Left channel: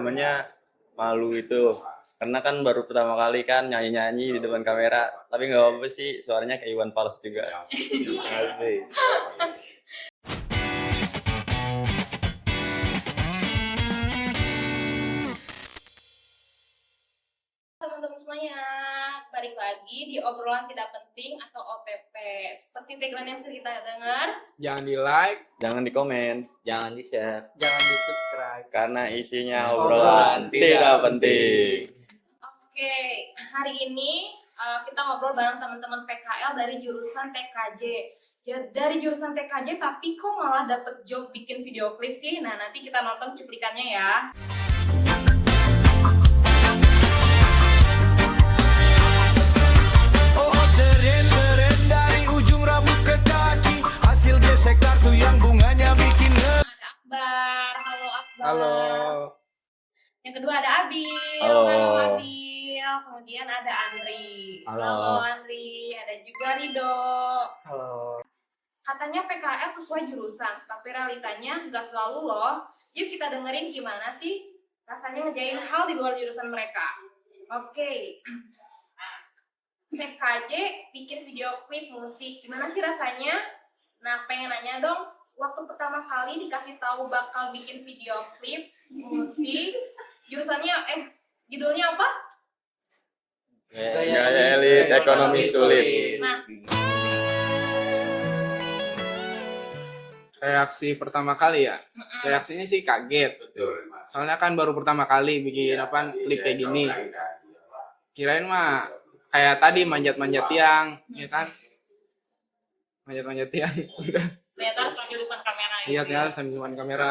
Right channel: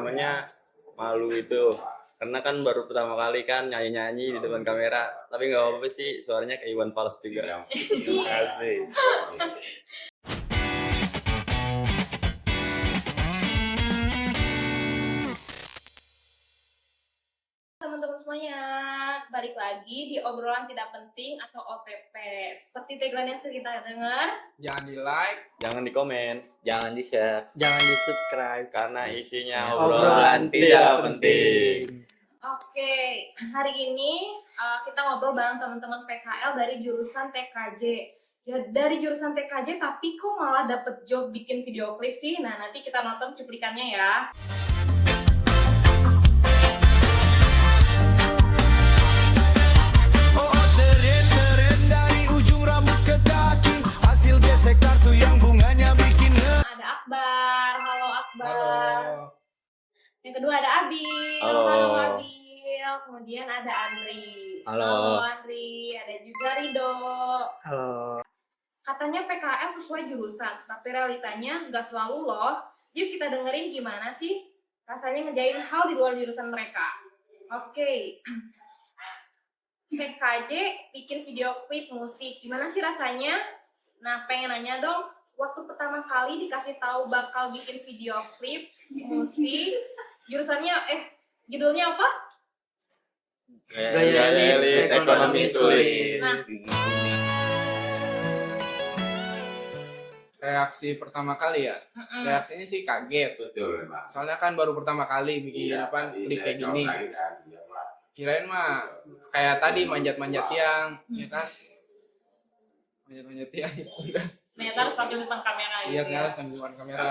pertamanya malu itu, karena kan baru pertama kali kan nyanyi-nyanyi di depan kamera, tapi nggak apa-apa sih, suaranya kayak Iwan Fals juga. Terima kasih. Teman-teman semuanya, balik lagi di obrolan tidak penting atau OPP. Seperti tagline yang sering kita dengar, Jangan di like, Jangan di komen, Jangan di-share. jangan di subscribe. karena isinya Obrolan obrolan tidak penting. Oke, hari ini kita ngobrol bareng teman-teman PKL dari jurusan TKJ. Dari jurusan TKJ, tapi kok malah dapet job bikin video klip sih? Nah, nanti kita nonton cuplikannya ya. Oh keren dari ujung rambut ke kaki, hasil gesek kartu yang bunganya bikin Ada Akbar, halo Akbar. Halo. Yang kedua ada Abil, Halo. Abil. Kemudian ada Andri. Halo. Andri. Ada juga Rido. Halo. Katanya PKL sesuai jurusan, tapi realitanya nggak selalu loh. Yuk kita dengerin gimana sih rasanya ngejain hal di luar jurusan mereka. Oke. PKJ bikin video klip musik, gimana sih rasanya? Nah, pengen nanya dong, waktu pertama kali dikasih tahu bakal bikin video klip musik, judulnya apa? Gaya elit, ekonomi sulit. Nah, Reaksi pertama kali ya, reaksinya sih kaget. Soalnya kan baru pertama kali bikin klip kayak gini. Kirain mah kayak tadi manjat-manjat tiang, ya kan? Manjat-manjat tiang. ternyata harus pakai depan kamera gitu Iya ya. kan, sambil depan kamera.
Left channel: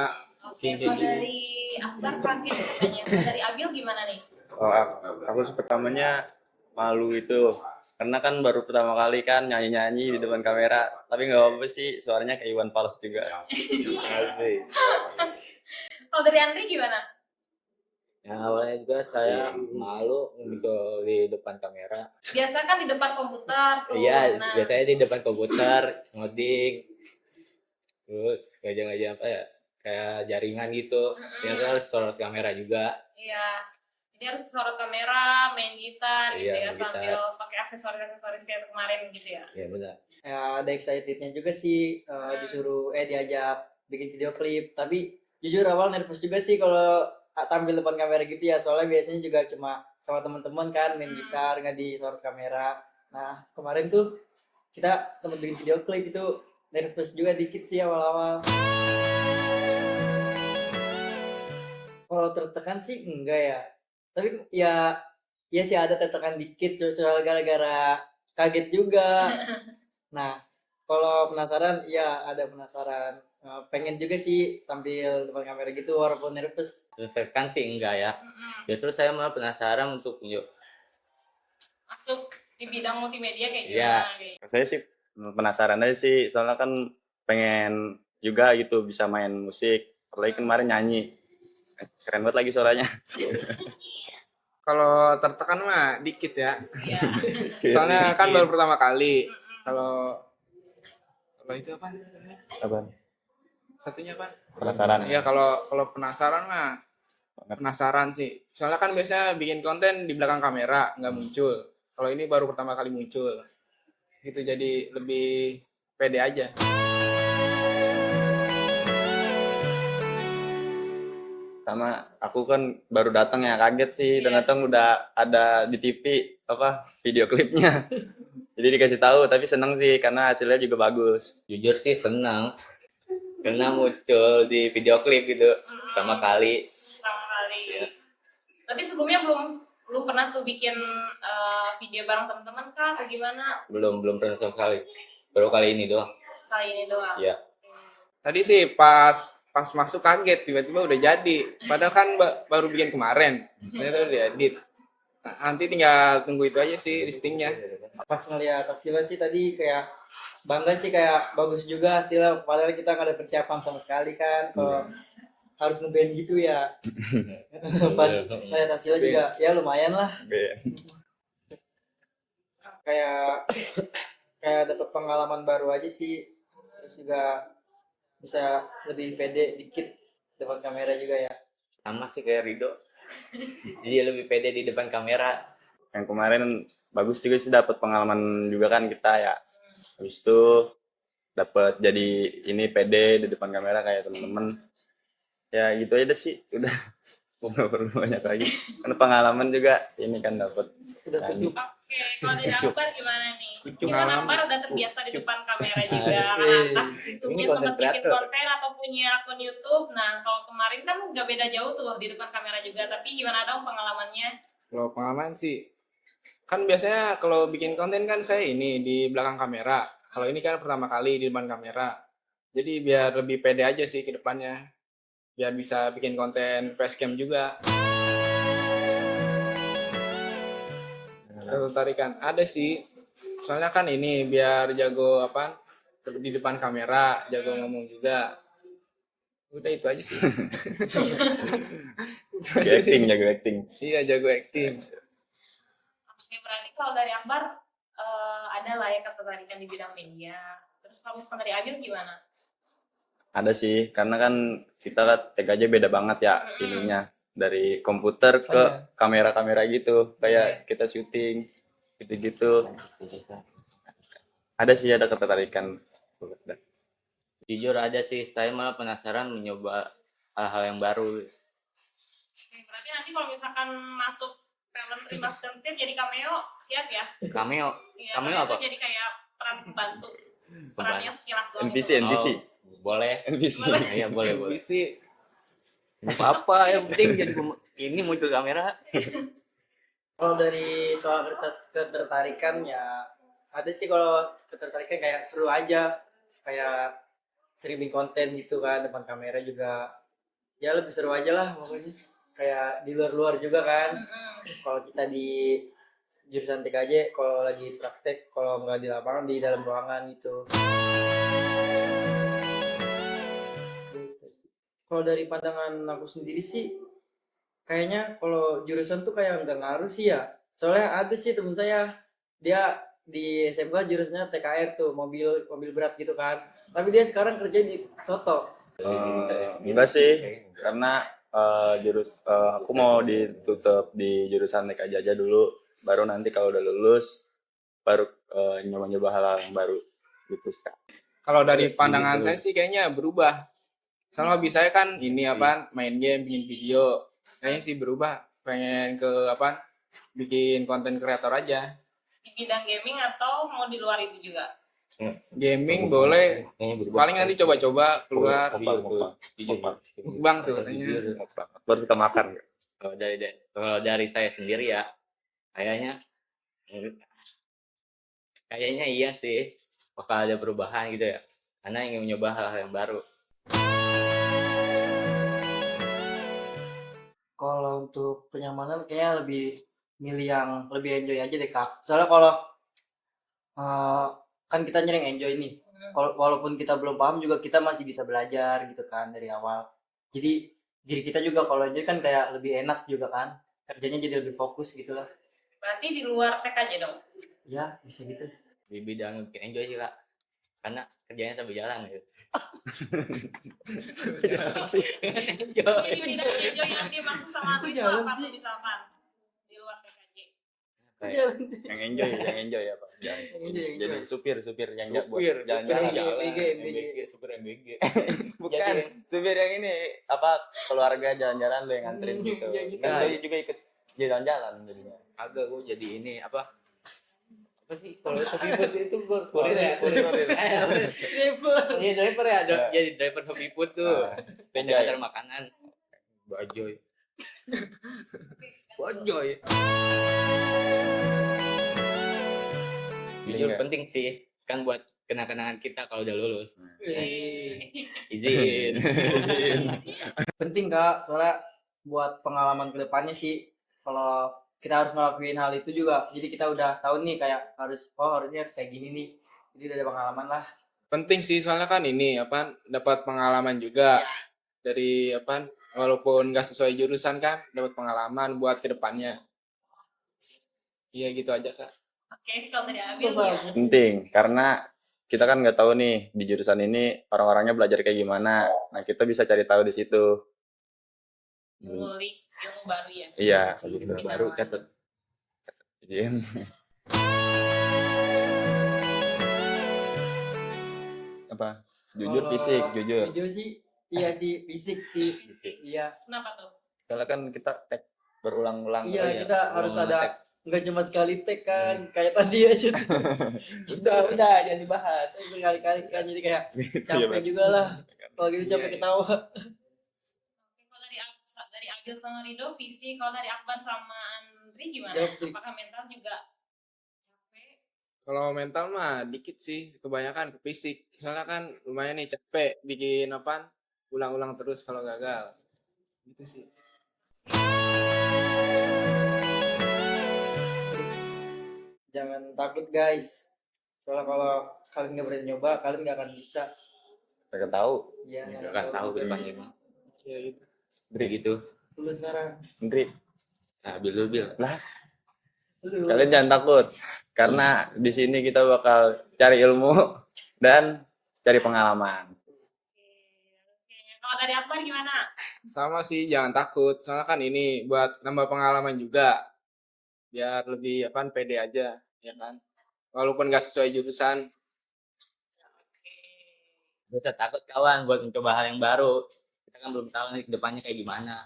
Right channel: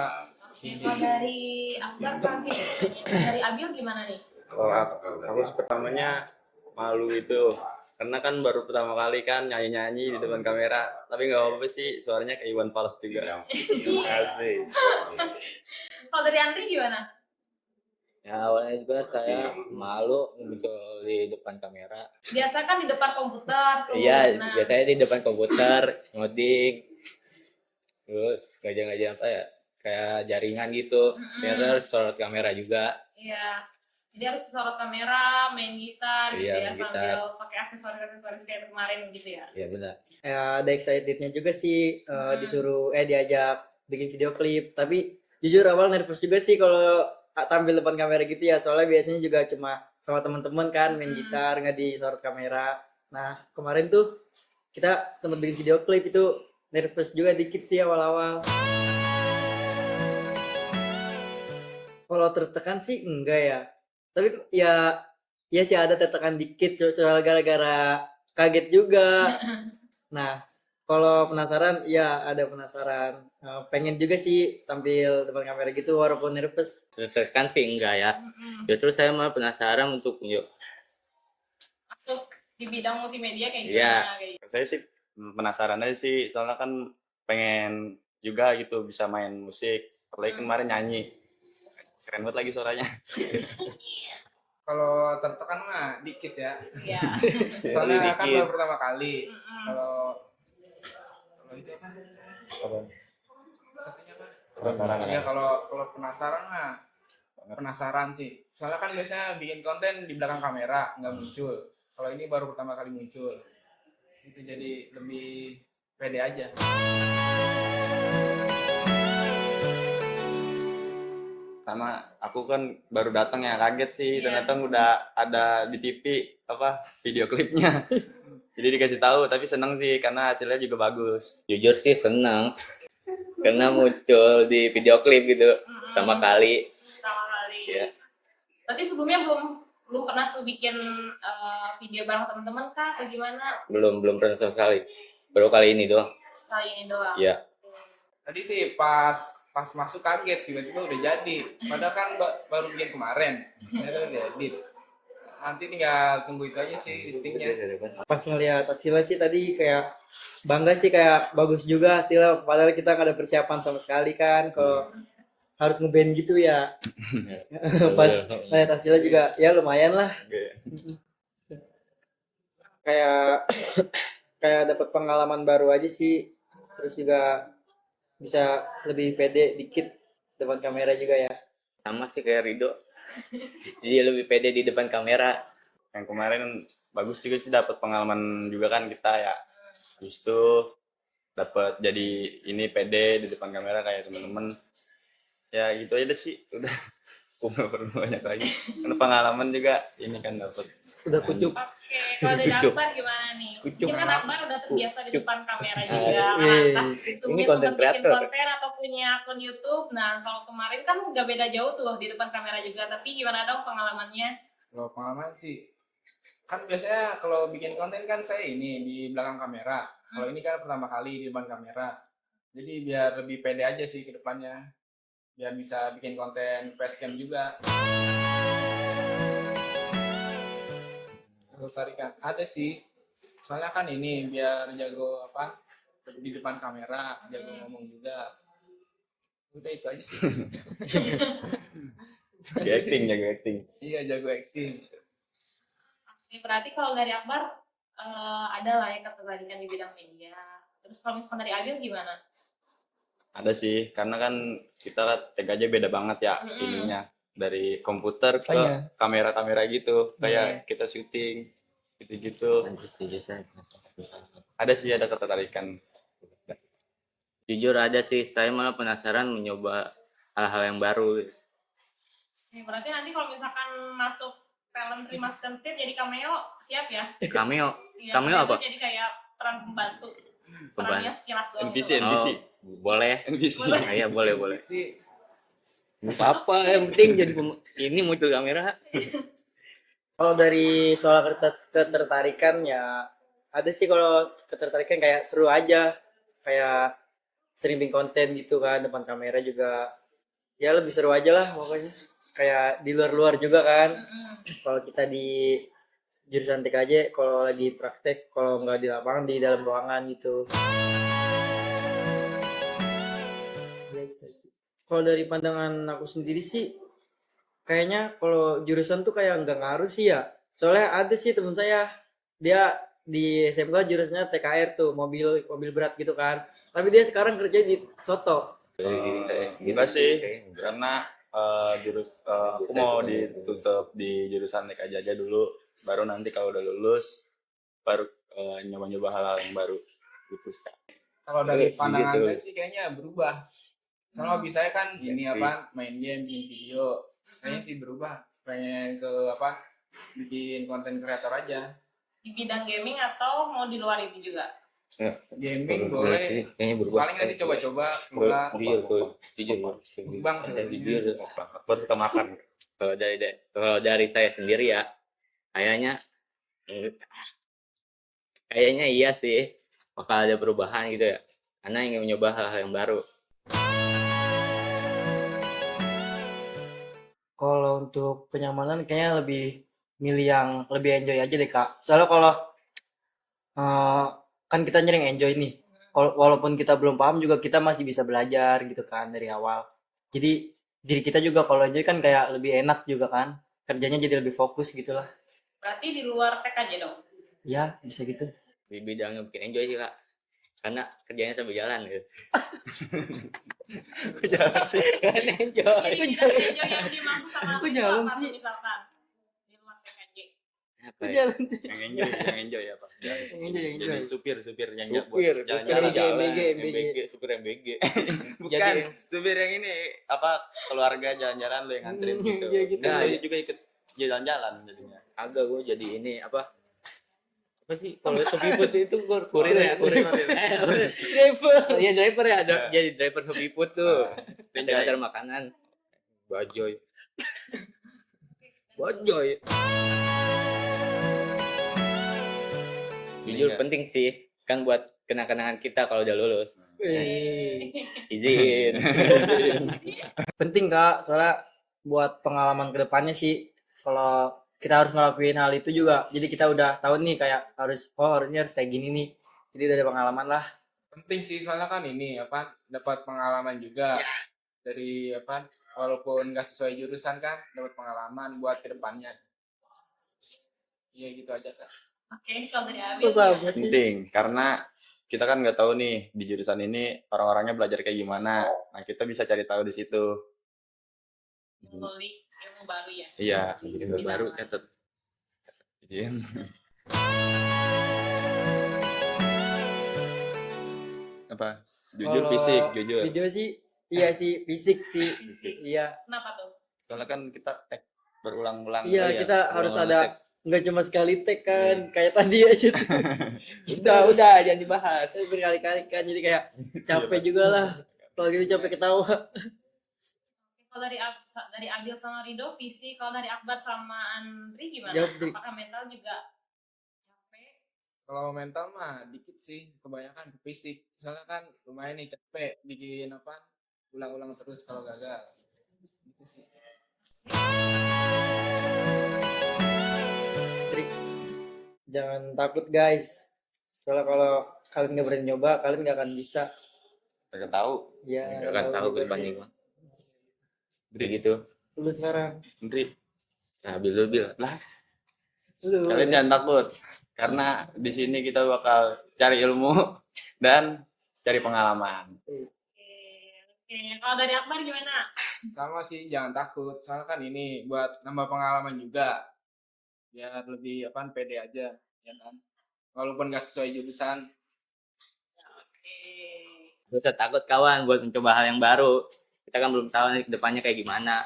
Oke, kalau dari Akbar kaget katanya. Dari Abil gimana nih? Kalau aku sih pertamanya malu itu, karena kan baru pertama kali kan nyanyi-nyanyi di depan kamera, tapi nggak apa-apa sih, suaranya kayak Iwan Fals juga. Terima kasih. Kalau dari Andri gimana? Ya awalnya juga saya malu muncul di depan kamera. Biasa kan di depan komputer tuh. Iya, Nah, biasanya di depan komputer, ngoding, terus kerja-kerja apa ya, kayak jaringan gitu. Ternyata harus sorot kamera juga. iya. Jadi harus kesorot kamera, main gitar gitu Iya, ya, main gitar. sambil pakai aksesoris kayak kemarin gitu ya. Ya benar. Ya ada excitednya juga sih, disuruh diajak bikin video klip, tapi jujur awal nervous juga sih kalau tampil depan kamera gitu ya, soalnya biasanya juga cuma sama teman-teman kan main gitar nggak disorot kamera. Nah kemarin tuh kita sempat bikin video klip, itu nervous juga dikit sih awal-awal. Kalau tertekan sih enggak ya, tapi ya sih ada tertekan dikit soal gara-gara kaget juga. Nah, kalau penasaran, iya ada penasaran. Pengen juga sih tampil depan kamera gitu walaupun nervous. Tertekan sih enggak ya. Justru saya malah penasaran untuk Masuk di bidang multimedia kayak Iya. gimana kayak. Saya sih penasaran aja sih, soalnya kan pengen juga gitu bisa main musik, apalagi kemarin nyanyi. Keren banget lagi suaranya. Kalau tertekan mah dikit ya. Iya. Soalnya kan Dikit. baru pertama kali. Kalau itu apa? Apa? Satunya apa? Penasaran Ya ya. kalau penasaran mah penasaran sih. Soalnya kan biasanya bikin konten di belakang kamera nggak muncul. Kalau ini baru pertama kali muncul. Gitu jadi lebih pede aja. Sama aku kan baru datang ya, kaget sih, dan datang udah ada di TV apa video klipnya. Jadi dikasih tahu, tapi seneng sih karena hasilnya juga bagus. Jujur sih senang karena muncul di video klip gitu pertama kali. Iya. Berarti sebelumnya belum pernah tuh bikin video bareng teman-teman kah atau gimana? Belum pernah sama sekali. Baru kali ini doang. Kali ini doang. Iya. Tadi sih pas masuk kaget tiba-tiba udah jadi. Padahal kan baru bikin kemarin. Ternyata udah edit. Nah, nanti tinggal tunggu itu aja sih listingnya. Pas ngeliat hasilnya sih tadi kayak bangga sih, kayak bagus juga hasilnya, padahal kita nggak ada persiapan sama sekali kan, kalau harus ngeband gitu ya. Pas lihat hasilnya juga ya lumayan lah, kayak dapat pengalaman baru aja sih, terus juga bisa lebih pede dikit depan kamera juga ya. Sama sih kayak Rido. Jadi lebih pede di depan kamera. Yang kemarin bagus juga sih, dapat pengalaman juga kan kita ya. Habis itu dapat jadi ini pede di depan kamera kayak teman-teman. Ya gitu aja deh sih, udah. Aku nggak perlu banyak lagi. Karena pengalaman juga ini kan dapat. Udah kucuk. Oke, kalau dari Kucuk. Akbar gimana nih? Kucuk. Ini kan Akbar udah terbiasa di Kucuk. depan kamera juga. Kan sebelumnya Ini content sempat bikin creator. konten atau punya akun YouTube. Nah, kalau kemarin kan nggak beda jauh tuh di depan kamera juga. Tapi gimana dong pengalamannya? Kalau pengalaman sih, kan biasanya kalau bikin konten kan saya ini di belakang kamera. Kalau ini kan pertama kali di depan kamera. Jadi biar lebih pede aja sih ke depannya. Biar bisa bikin konten facecam juga. Ketertarikan ada sih. Soalnya kan ini biar jago apa di depan kamera, jago ngomong juga. Udah itu aja sih. Jago acting. Iya, jago acting. Oke, berarti kalau dari Akbar ada lah ya ketertarikan di bidang media. Terus kalau misalkan dari Abil gimana? Ada sih, karena kan kita kan TKJ beda banget ya ininya. Dari komputer ke kamera-kamera gitu. Kayak kita syuting gitu-gitu. Ada sih, ada ketertarikan. Jujur ada sih, saya malah penasaran mencoba hal-hal yang baru. Oke, berarti nanti kalau misalkan masuk film Rimas Kentir jadi cameo, siap ya? Cameo, Iya, cameo itu apa? jadi kayak peran pembantu. Perannya sekilas doang. NPC, gitu. NPC. Boleh. NPC. Iya, boleh. Sih Apa yang penting jadi ini muncul kamera. Kalau dari soal ketertarikan ya ada sih, kalau ketertarikan kayak seru aja, kayak sering bikin konten gitu kan depan kamera juga, ya lebih seru aja lah pokoknya, kayak di luar-luar juga kan. Kalau kita di jurusan TKJ, kalau lagi praktek, kalau nggak di lapangan, di dalam ruangan gitu. Kalau dari pandangan aku sendiri sih, kayaknya kalau jurusan tuh kayak nggak ngaruh sih ya. Soalnya ada sih temen saya, dia di SMK jurusannya TKR tuh, mobil berat gitu kan. Tapi dia sekarang kerja di Soto. Gimana sih? Karena aku mau ditutup di jurusan TKJ aja dulu. Baru nanti kalau udah lulus, baru nyoba-nyoba hal yang baru gitu sih. kalau dari Iya, pandangan gitu. saya sih kayaknya berubah. Soalnya hobi saya kan ini apa, main game, bikin video. Kayaknya sih berubah, pengen ke apa, bikin konten kreator aja. Di bidang gaming atau mau di luar itu juga? Gaming boleh, Kayaknya berubah. paling nanti coba-coba keluar. Jujur Bang tuh katanya. Baru suka makan. Kalau dari saya sendiri ya, kayaknya iya sih bakal ada perubahan gitu ya, karena ingin mencoba hal-hal yang baru. Kalau untuk kenyamanan kayaknya lebih milih yang lebih enjoy aja deh Kak. Soalnya kalau kan kita nyering enjoy nih. Walaupun kita belum paham juga kita masih bisa belajar gitu kan dari awal. Jadi diri kita juga kalau enjoy kan kayak lebih enak juga kan. Kerjanya jadi lebih fokus gitu lah. Berarti di luar TKJ dong? Ya bisa gitu. Di bidang yang bikin enjoy sih Kak, karena kerjanya sambil jalan gitu. Kan enjoy. Jadi bidang enjoy yang dimaksud sama aku Kok itu jalan apa sih? tuh misalkan? Di luar TKJ. Apa ya? Yang enjoy ya Pak. Jadi supir yang buat Supir jalan-jalan. jalan, MBG. supir MBG. Bukan, Jadi- supir yang ini apa, keluarga jalan-jalan lo yang nganterin gitu. Iya, gitu. Nah, lo juga ikut jalan-jalan jadinya. Agak gue jadi ini apa sih kalau Shopee itu gue kurir ya. Driver. Iya driver ya, ada Ya. jadi driver Shopee Food tuh. Enjoy. Ada makanan. Bajoy. Jujur Iya. penting sih, kan buat kenang-kenangan kita kalau udah lulus. Wih. Izin. Penting Kak, soalnya buat pengalaman kedepannya sih, kalau kita harus ngelakuin hal itu juga, jadi kita udah tahu nih kayak harus ini harus kayak gini nih, jadi udah ada pengalaman lah. Penting sih, soalnya kan ini apa, dapat pengalaman juga dari apa, walaupun nggak sesuai jurusan kan, dapat pengalaman buat kedepannya. Iya gitu aja Kak. Oke, kalau dari Abil. Penting, karena kita kan nggak tahu nih di jurusan ini orang-orangnya belajar kayak gimana. Nah, kita bisa cari tahu di situ. Ngulik ilmu baru ya. Iya, Ilmu gitu. baru catat. Izin. Apa? Jujur Kalau fisik, jujur. Video sih, iya sih fisik sih. Fisik. Iya. Kenapa tuh? Soalnya kan kita tag berulang-ulang. Iya, iya, kita harus berulang-ulang ada nge-tag. nggak cuma sekali tag kan, kayak tadi aja tuh. Udah, jangan dibahas. Saya berkali-kali kan, jadi kayak Iya, capek Pak. juga lah. Kalau gitu capek ketawa. Kalau dari Abil sama Rido fisik, kalau dari Akbar sama Andri gimana? Jawab, Dri. Apakah mental juga capek? Kalau mental mah dikit sih, kebanyakan ke fisik. Soalnya kan lumayan nih capek bikin apa? Ulang-ulang terus kalau gagal. Gitu sih. Jangan takut guys. Soalnya kalau kalian nggak berani nyoba, kalian nggak akan bisa. Mereka tahu. Ya, Nggak akan tahu ke depan gimana. Ya gitu. Kayak gitu. Dulu sekarang. Ndri, Nah, Bil. lah Dulu. kalian jangan takut. Karena di sini kita bakal cari ilmu dan cari pengalaman. Oke. Kalau dari Akbar gimana? Sama sih, jangan takut. Soalnya kan ini buat nambah pengalaman juga. Biar lebih apa pede aja, ya kan. Walaupun nggak sesuai jurusan. Gue takut kawan buat mencoba hal yang baru. Kita kan belum tahu nih kedepannya kayak gimana.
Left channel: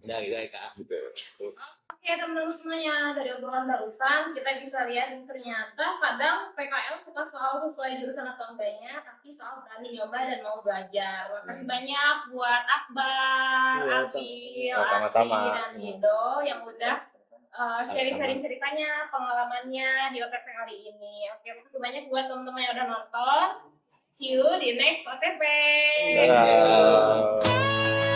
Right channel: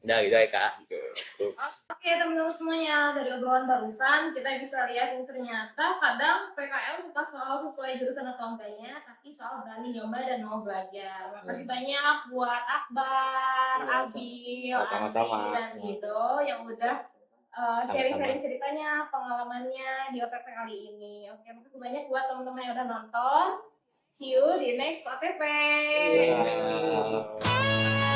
Udah gitu ya kak. Oke teman-teman semuanya, dari obrolan barusan kita bisa lihat ternyata kadang PKL bukan soal sesuai jurusan atau enggaknya, tapi soal berani nyoba dan mau belajar. Makasih banyak buat Akbar, Iya, Abil, sama-sama. Andri, dan Rido yang udah sharing-sharing ceritanya, pengalamannya di OTP kali ini. Oke, makasih banyak buat teman-teman yang udah nonton. See you di next OTP. Dadah.